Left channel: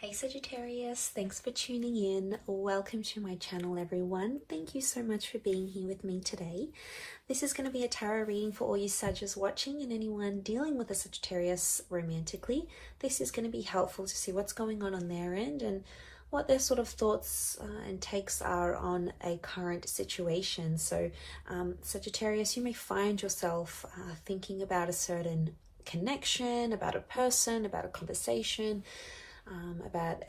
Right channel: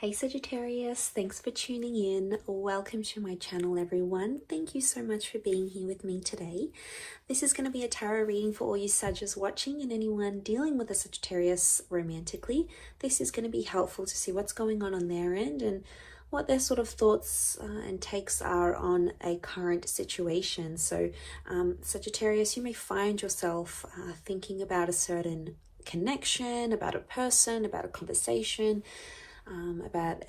Hey Sagittarius, thanks for tuning in. Welcome to my channel, everyone. Thank you so much for being here with me today. This is going to be a tarot reading for all you Sagittarius watching and anyone dealing with a Sagittarius romantically. This is going to be helpful to see what's going on their end and what their sort of thoughts and takes are on a current situation. So Sagittarius, you may find yourself thinking about a certain connection, about a person, about a conversation, about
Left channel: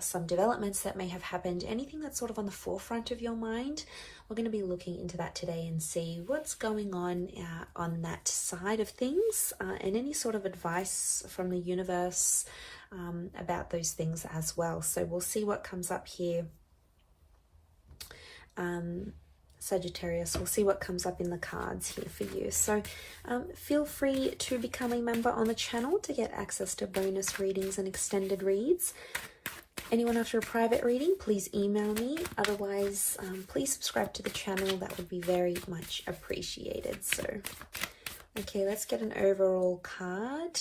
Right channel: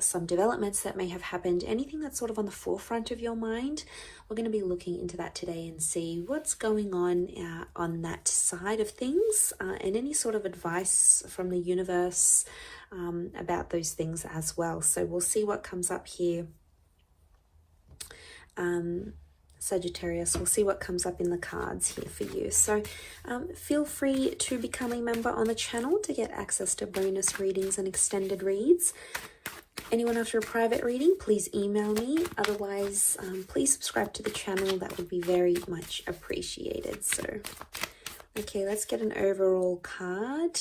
some developments that may have happened, anything that's sort of on the forefront of your mind. We're going to be looking into that today and see what's going on that side of things, and any sort of advice from the universe about those things as well. So we'll see what comes up here. Sagittarius, we'll see what comes up in the cards here for you. So feel free to become a member on the channel to get access to bonus readings and extended reads. Anyone after a private reading, please email me. Otherwise, please subscribe to the channel. That would be very much appreciated. So, okay, let's get an overall card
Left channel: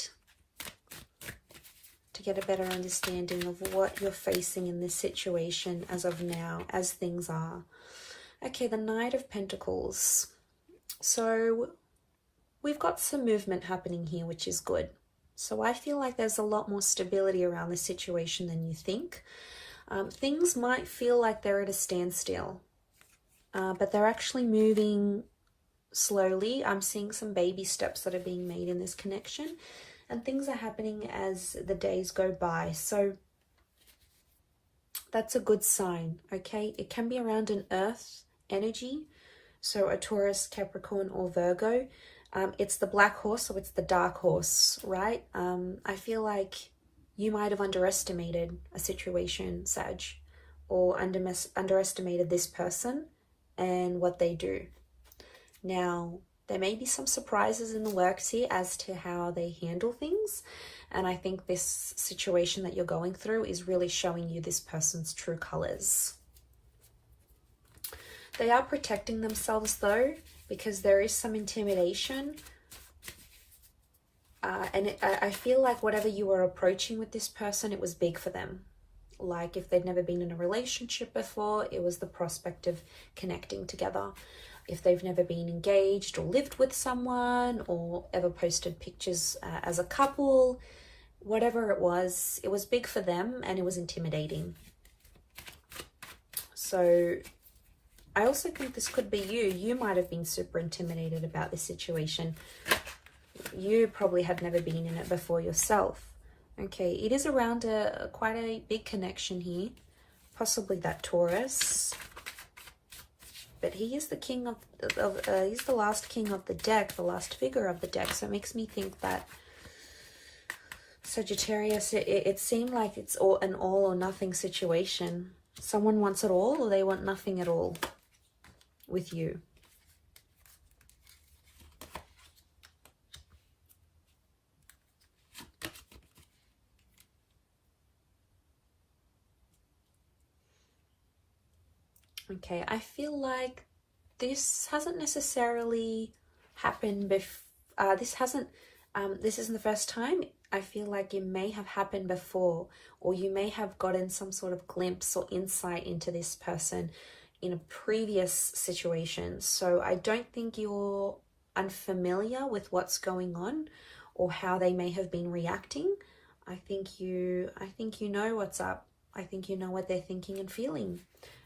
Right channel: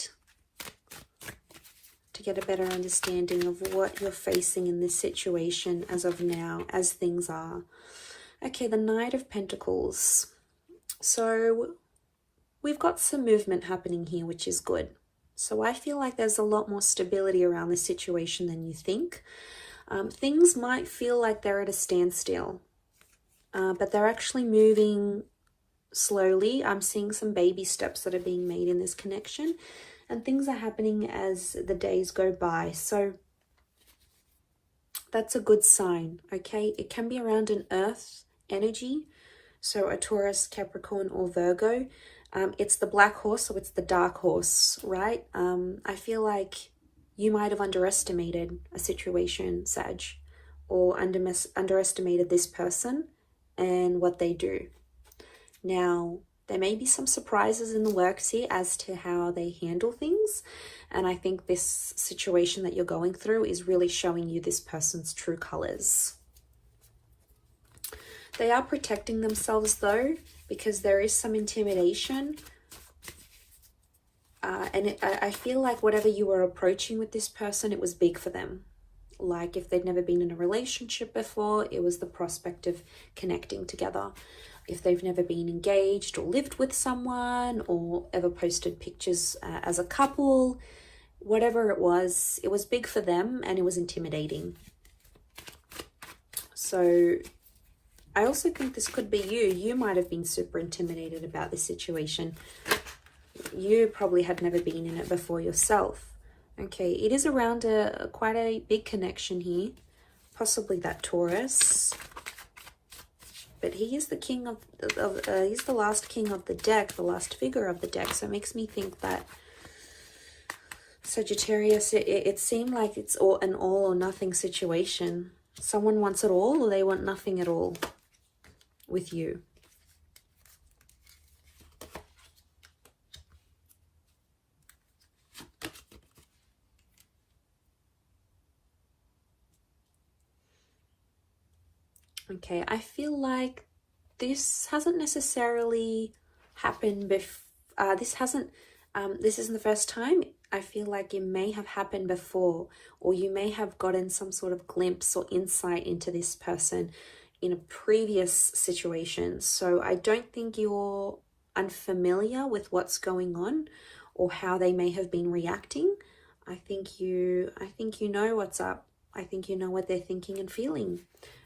to get a better understanding of what you're facing in this situation as of now, as things are. Okay, the Knight of Pentacles. So we've got some movement happening here, which is good. So I feel like there's a lot more stability around this situation than you think. Things might feel like they're at a standstill, but they're actually moving slowly. I'm seeing some baby steps that are being made in this connection, and things are happening as the days go by. So that's a good sign, okay? It can be around an Earth energy, so a Taurus, Capricorn, or Virgo. It's the black horse, so it's the dark horse, right? I feel like you might have underestimated a situation, Sag, or underestimated this person and what they do. Now, there may be some surprises in the works here as to how they handle things, and I think this situation that you're going through is really showing you this person's true colors. They are protecting themselves though, because there is some intimidation. I feel like whatever you were approaching with this person, it was big for them. Like if they'd never been in a relationship before, it was the prospect of connecting together. If they've never been engaged or lived with someone or ever posted pictures as a couple, whatever it was big for them and it was intimidating. So I also think this could be you. You might have been super intimidated about this situation. You probably had never been in it before yourself. Okay, it is around quite a big connection here. Possibly that Taurus. But he is the king he's the last king of the deck, the last figure of the deck. So it makes me think that Sagittarius, it seemed like it's an all or nothing situation. Someone wants it all or they want nothing at all with you. Okay, I feel like this hasn't necessarily happened before. This isn't the first time. I feel like it may have happened before, or you may have gotten some sort of glimpse or insight into this person in a previous situation. So I don't think you're unfamiliar with what's going on or how they may have been reacting. I think you know what's up. I think you know what they're thinking and feeling,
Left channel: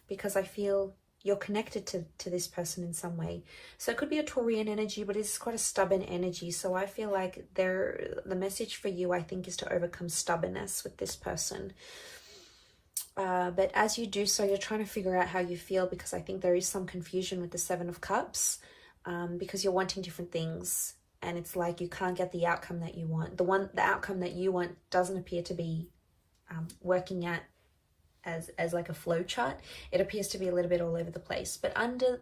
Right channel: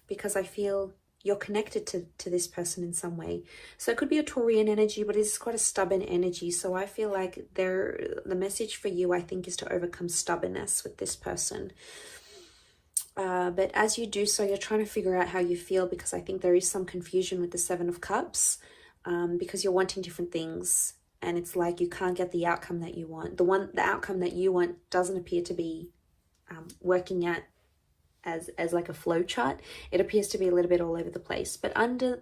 because I feel you're connected to this person in some way. So it could be a Taurian energy, but it's quite a stubborn energy. So I feel like the message for you, I think, is to overcome stubbornness with this person. But as you do so, you're trying to figure out how you feel, because I think there is some confusion with the Seven of Cups, because you're wanting different things, and it's like you can't get the outcome that you want. The outcome that you want doesn't appear to be working out as like a flow chart. It appears to be a little bit all over the place. But under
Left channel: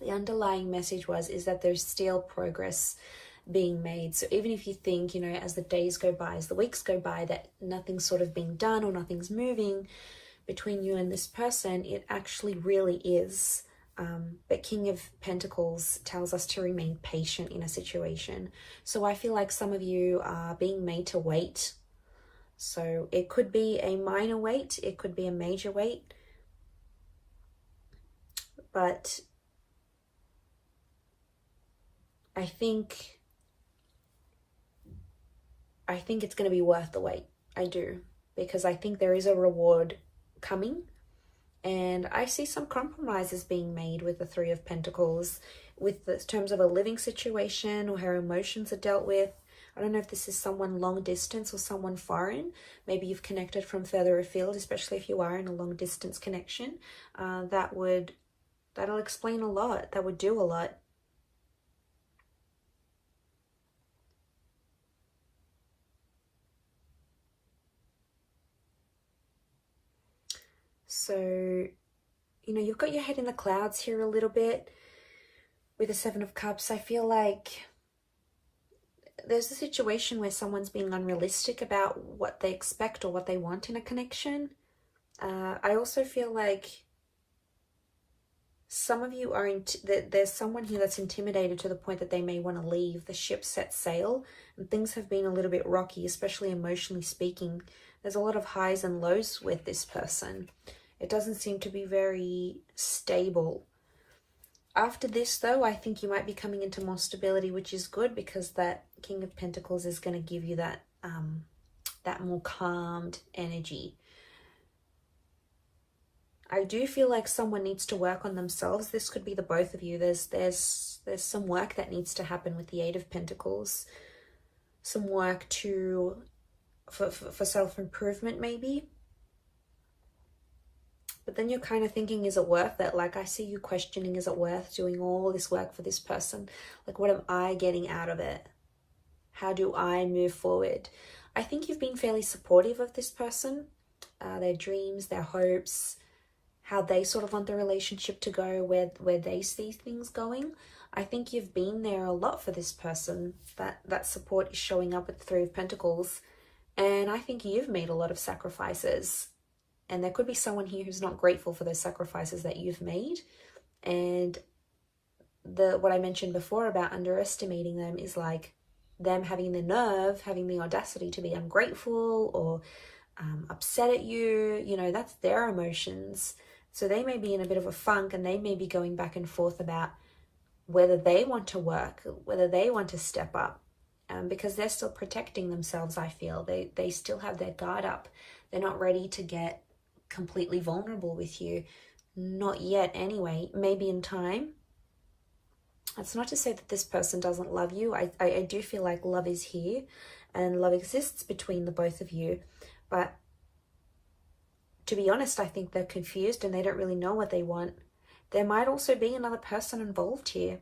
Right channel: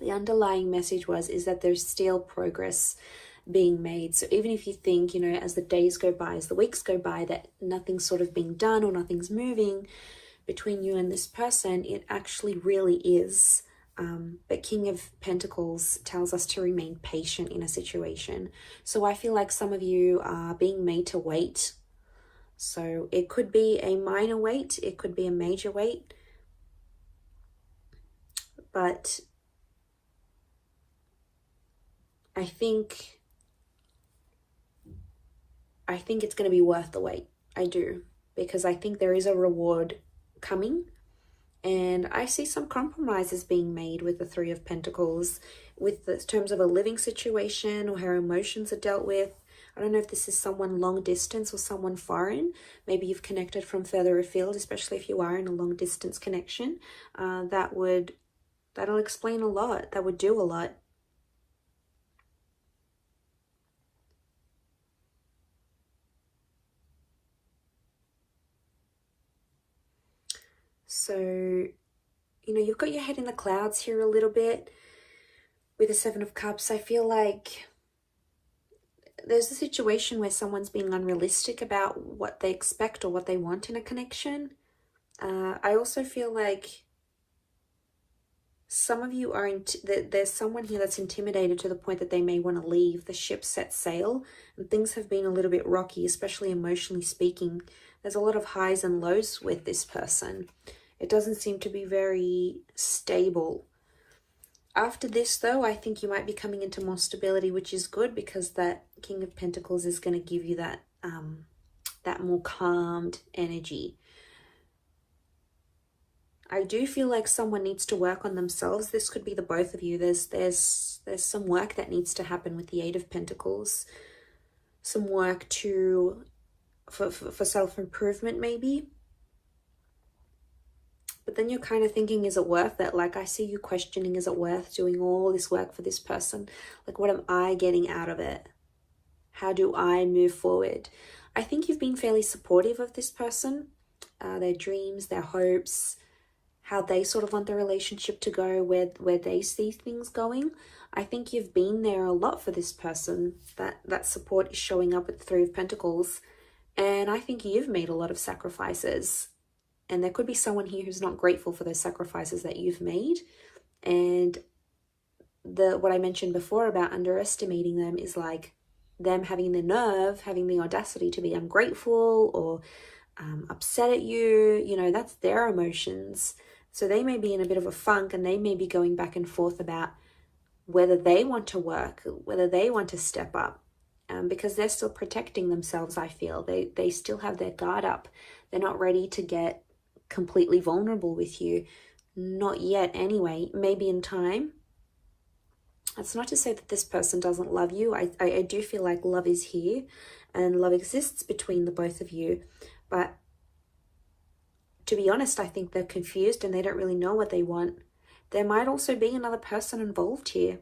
the underlying message is that there's still progress being made. So even if you think, as the days go by, as the weeks go by, that nothing's sort of being done or nothing's moving between you and this person, it actually really is. But King of Pentacles tells us to remain patient in a situation. So I feel like some of you are being made to wait. So it could be a minor weight, it could be a major weight, but I think it's going to be worth the wait. I do, because I think there is a reward coming, and I see some compromises being made with the Three of Pentacles, with the terms of a living situation or how emotions are dealt with. I don't know if this is someone long distance or someone foreign. Maybe you've connected from further afield, especially if you are in a long distance connection. That'll explain a lot. That would do a lot. So, you've got your head in the clouds here a little bit with the Seven of Cups. I feel like there's a situation where someone's being unrealistic about what they expect or what they want in a connection. I also feel like some of you are, there's someone here that's intimidated to the point that they may want to leave. The ship set sail and things have been a little bit rocky, especially emotionally speaking. There's a lot of highs and lows with this person. It doesn't seem to be very stable. After this, though, I think you might be coming into more stability, which is good, because that King of Pentacles is going to give you that more calmed energy. I do feel like someone needs to work on themselves. This could be the both of you. There's some work that needs to happen with the Eight of Pentacles. Some work for self-improvement, maybe. But then you're kind of thinking, is it worth it? Like, I see you questioning, is it worth doing all this work for this person? Like, what am I getting out of it? How do I move forward? I think you've been fairly supportive of this person, their dreams, their hopes, how they sort of want the relationship to go, where they see things going. I think you've been there a lot for this person. That support is showing up at the Three of Pentacles. And I think you've made a lot of sacrifices. And there could be someone here who's not grateful for those sacrifices that you've made. And what I mentioned before about underestimating them is like them having the nerve, having the audacity to be ungrateful or upset at you. That's their emotions. So they may be in a bit of a funk, and they may be going back and forth about whether they want to work, whether they want to step up. Because they're still protecting themselves, I feel. They still have their guard up. They're not ready to get completely vulnerable with you. Not yet, anyway. Maybe in time. It's not to say that this person doesn't love you. I do feel like love is here, and love exists between the both of you. But to be honest, I think they're confused and they don't really know what they want. There might also be another person involved here.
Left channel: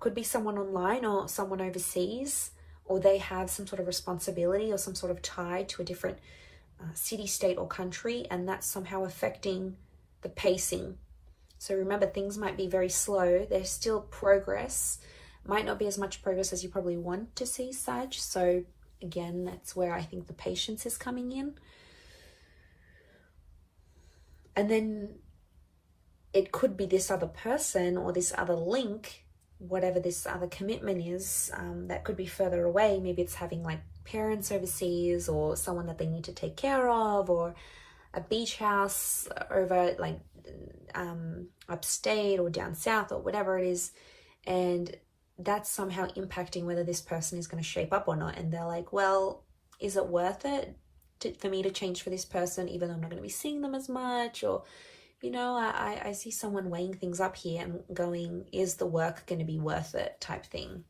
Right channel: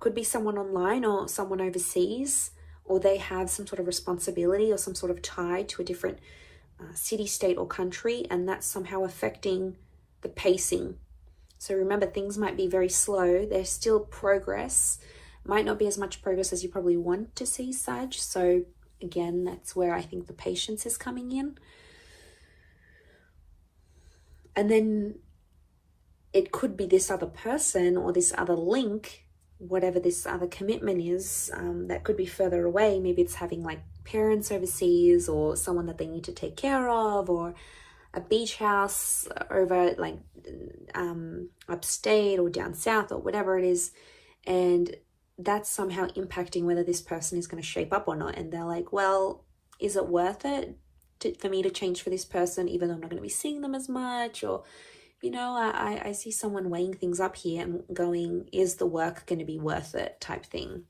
Could be someone online or someone overseas, or they have some sort of responsibility or some sort of tie to a different city, state, or country, and that's somehow affecting the pacing. So remember, things might be very slow. There's still progress. Might not be as much progress as you probably want to see, Sag. So again, that's where I think the patience is coming in. And then it could be this other person or this other link, whatever this other commitment is, that could be further away. Maybe it's having like parents overseas, or someone that they need to take care of, or a beach house over like upstate or down south, or whatever it is. And that's somehow impacting whether this person is going to shape up or not. And they're like, well, is it worth it for me to change for this person, even though I'm not going to be seeing them as much? Or I see someone weighing things up here and going, is the work going to be worth it, type thing.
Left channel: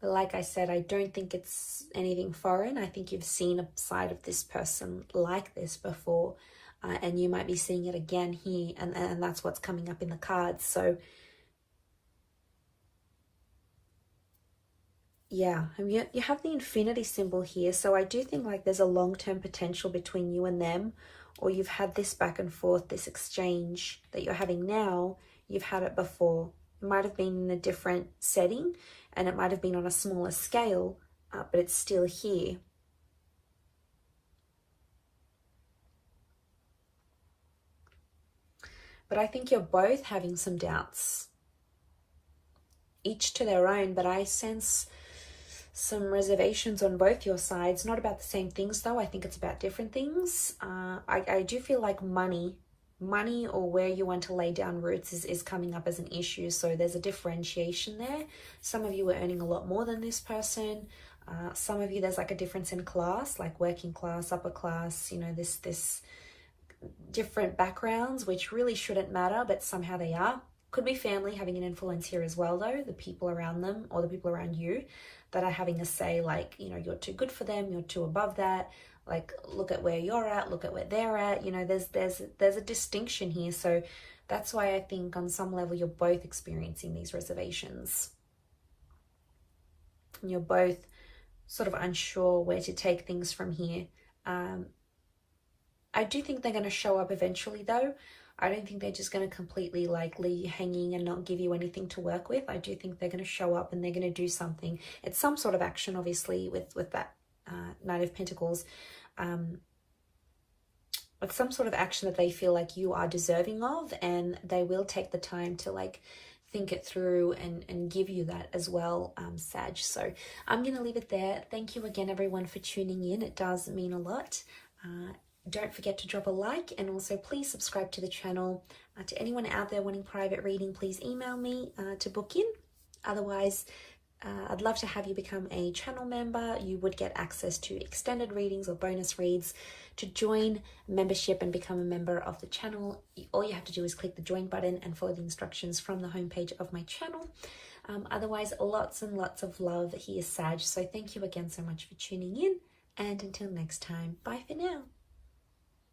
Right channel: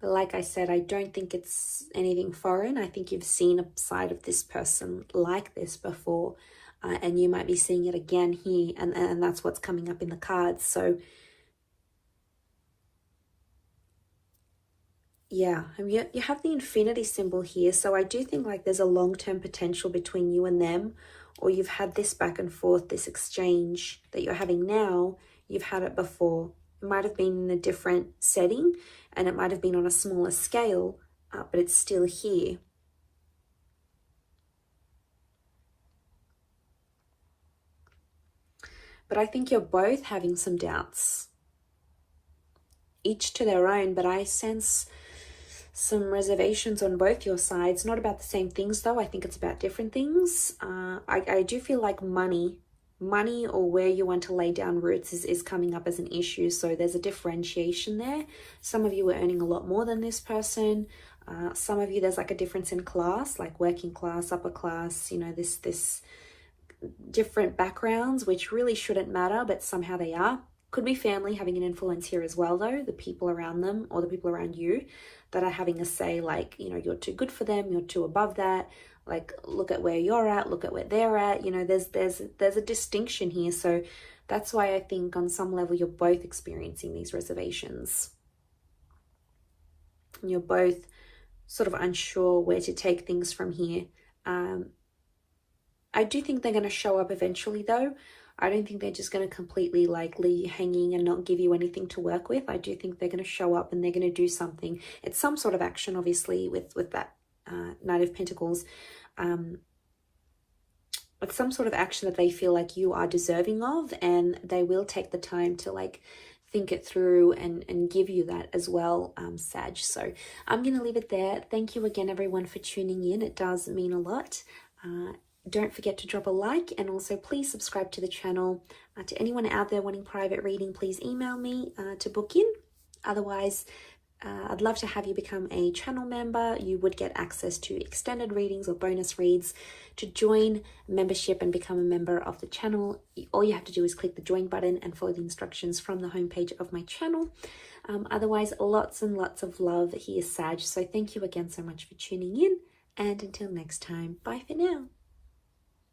But like I said, I don't think it's anything foreign. I think you've seen a side of this person like this before, and you might be seeing it again here, and that's what's coming up in the cards. So yeah, you have the infinity symbol here. So I do think like there's a long-term potential between you and them, or you've had this back and forth, this exchange that you're having now. You've had it before. It might have been in a different setting, and it might have been on a smaller scale, but it's still here. But I think you're both having some doubts, each to their own, but I sense some reservations on both your sides. Not about the same things though. I think it's about different things. I do feel like money or where you want to lay down roots is coming up as an issue. So there's a differentiation there. Some of you are earning a lot more than this person. Some of you, there's like a difference in class, like working class, upper class, you know, this different backgrounds, which really shouldn't matter, but somehow they are. Could be family having an influence here as well though, the people around them or the people around you that are having a say, like, you know, you're too good for them, you're too above that, like, look at where you're at, look at where they're at, you know, there's a distinction here. So that's why I think on some level you're both experiencing these reservations. You're both sort of unsure where to take things from here. I do think they're going to show up eventually though. I don't think they're just going to completely like leave you hanging and not give you anything to work with. I do think they're going to show up and they're going to do something. It's some sort of action, obviously, with that Knight of Pentacles. It's some sort of action that they feel like you are deserving of, and they will take the time to like think it through and give you that as well, Sag. So I'm going to leave it there. Thank you again, everyone, for tuning in. It does mean a lot. Don't forget to drop a like, and also please subscribe to the channel. To anyone out there wanting private reading, please email me to book in. Otherwise, I'd love to have you become a channel member. You would get access to extended readings or bonus reads. To join membership and become a member of the channel, all you have to do is click the join button and follow the instructions from the homepage of my channel. Otherwise, lots and lots of love here, Sag. So thank you again so much for tuning in, and until next time, bye for now.